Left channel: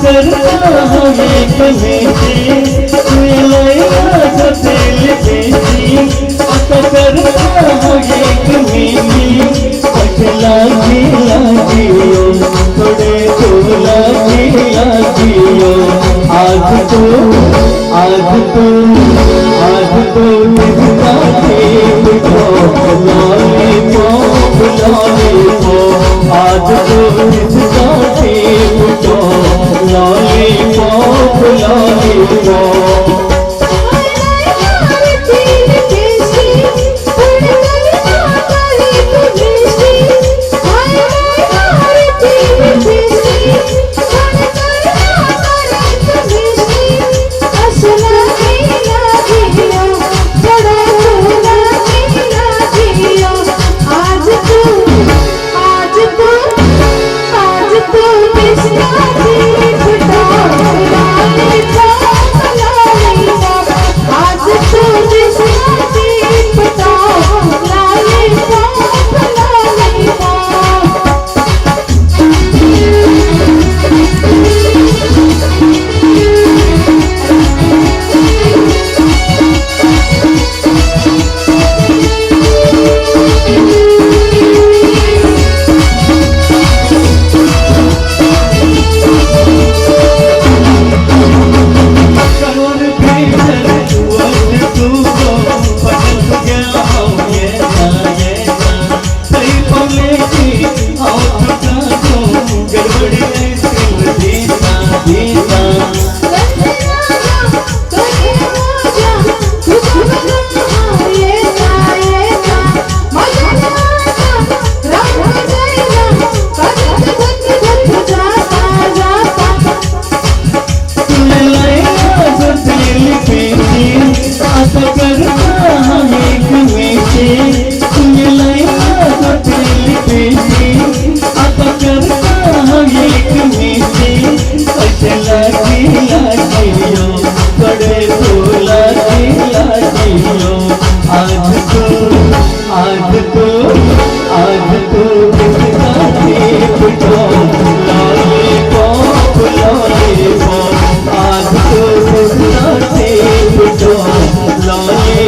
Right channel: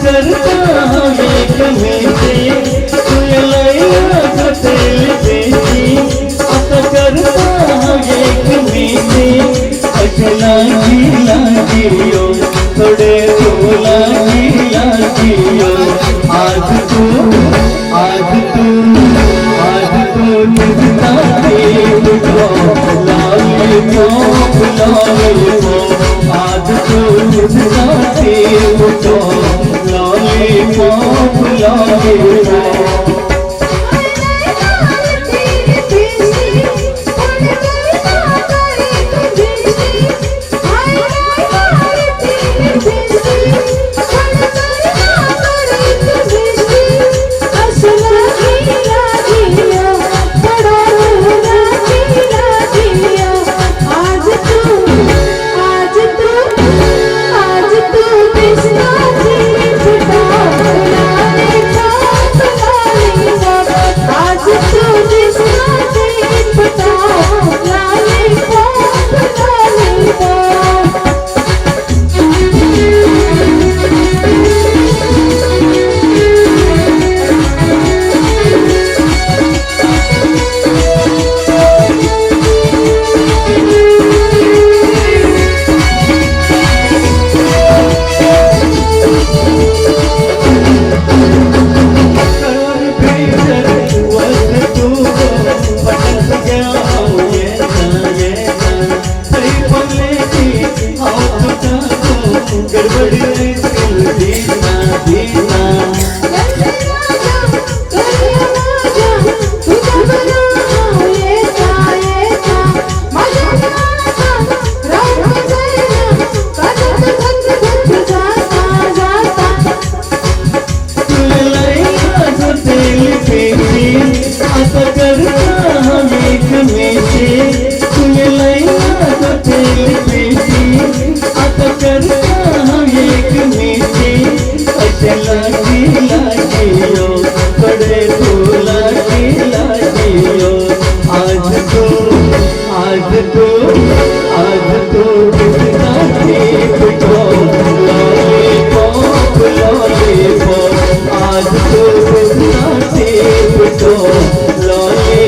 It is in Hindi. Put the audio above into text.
करता एक में से तू लैला सतेल बेसी आता करता एक में से अकला लागियो थोड़े तो लागियो आज तो कितना देव को लॉलीपॉप आज तो कितना देव को लॉलीपॉप आज तो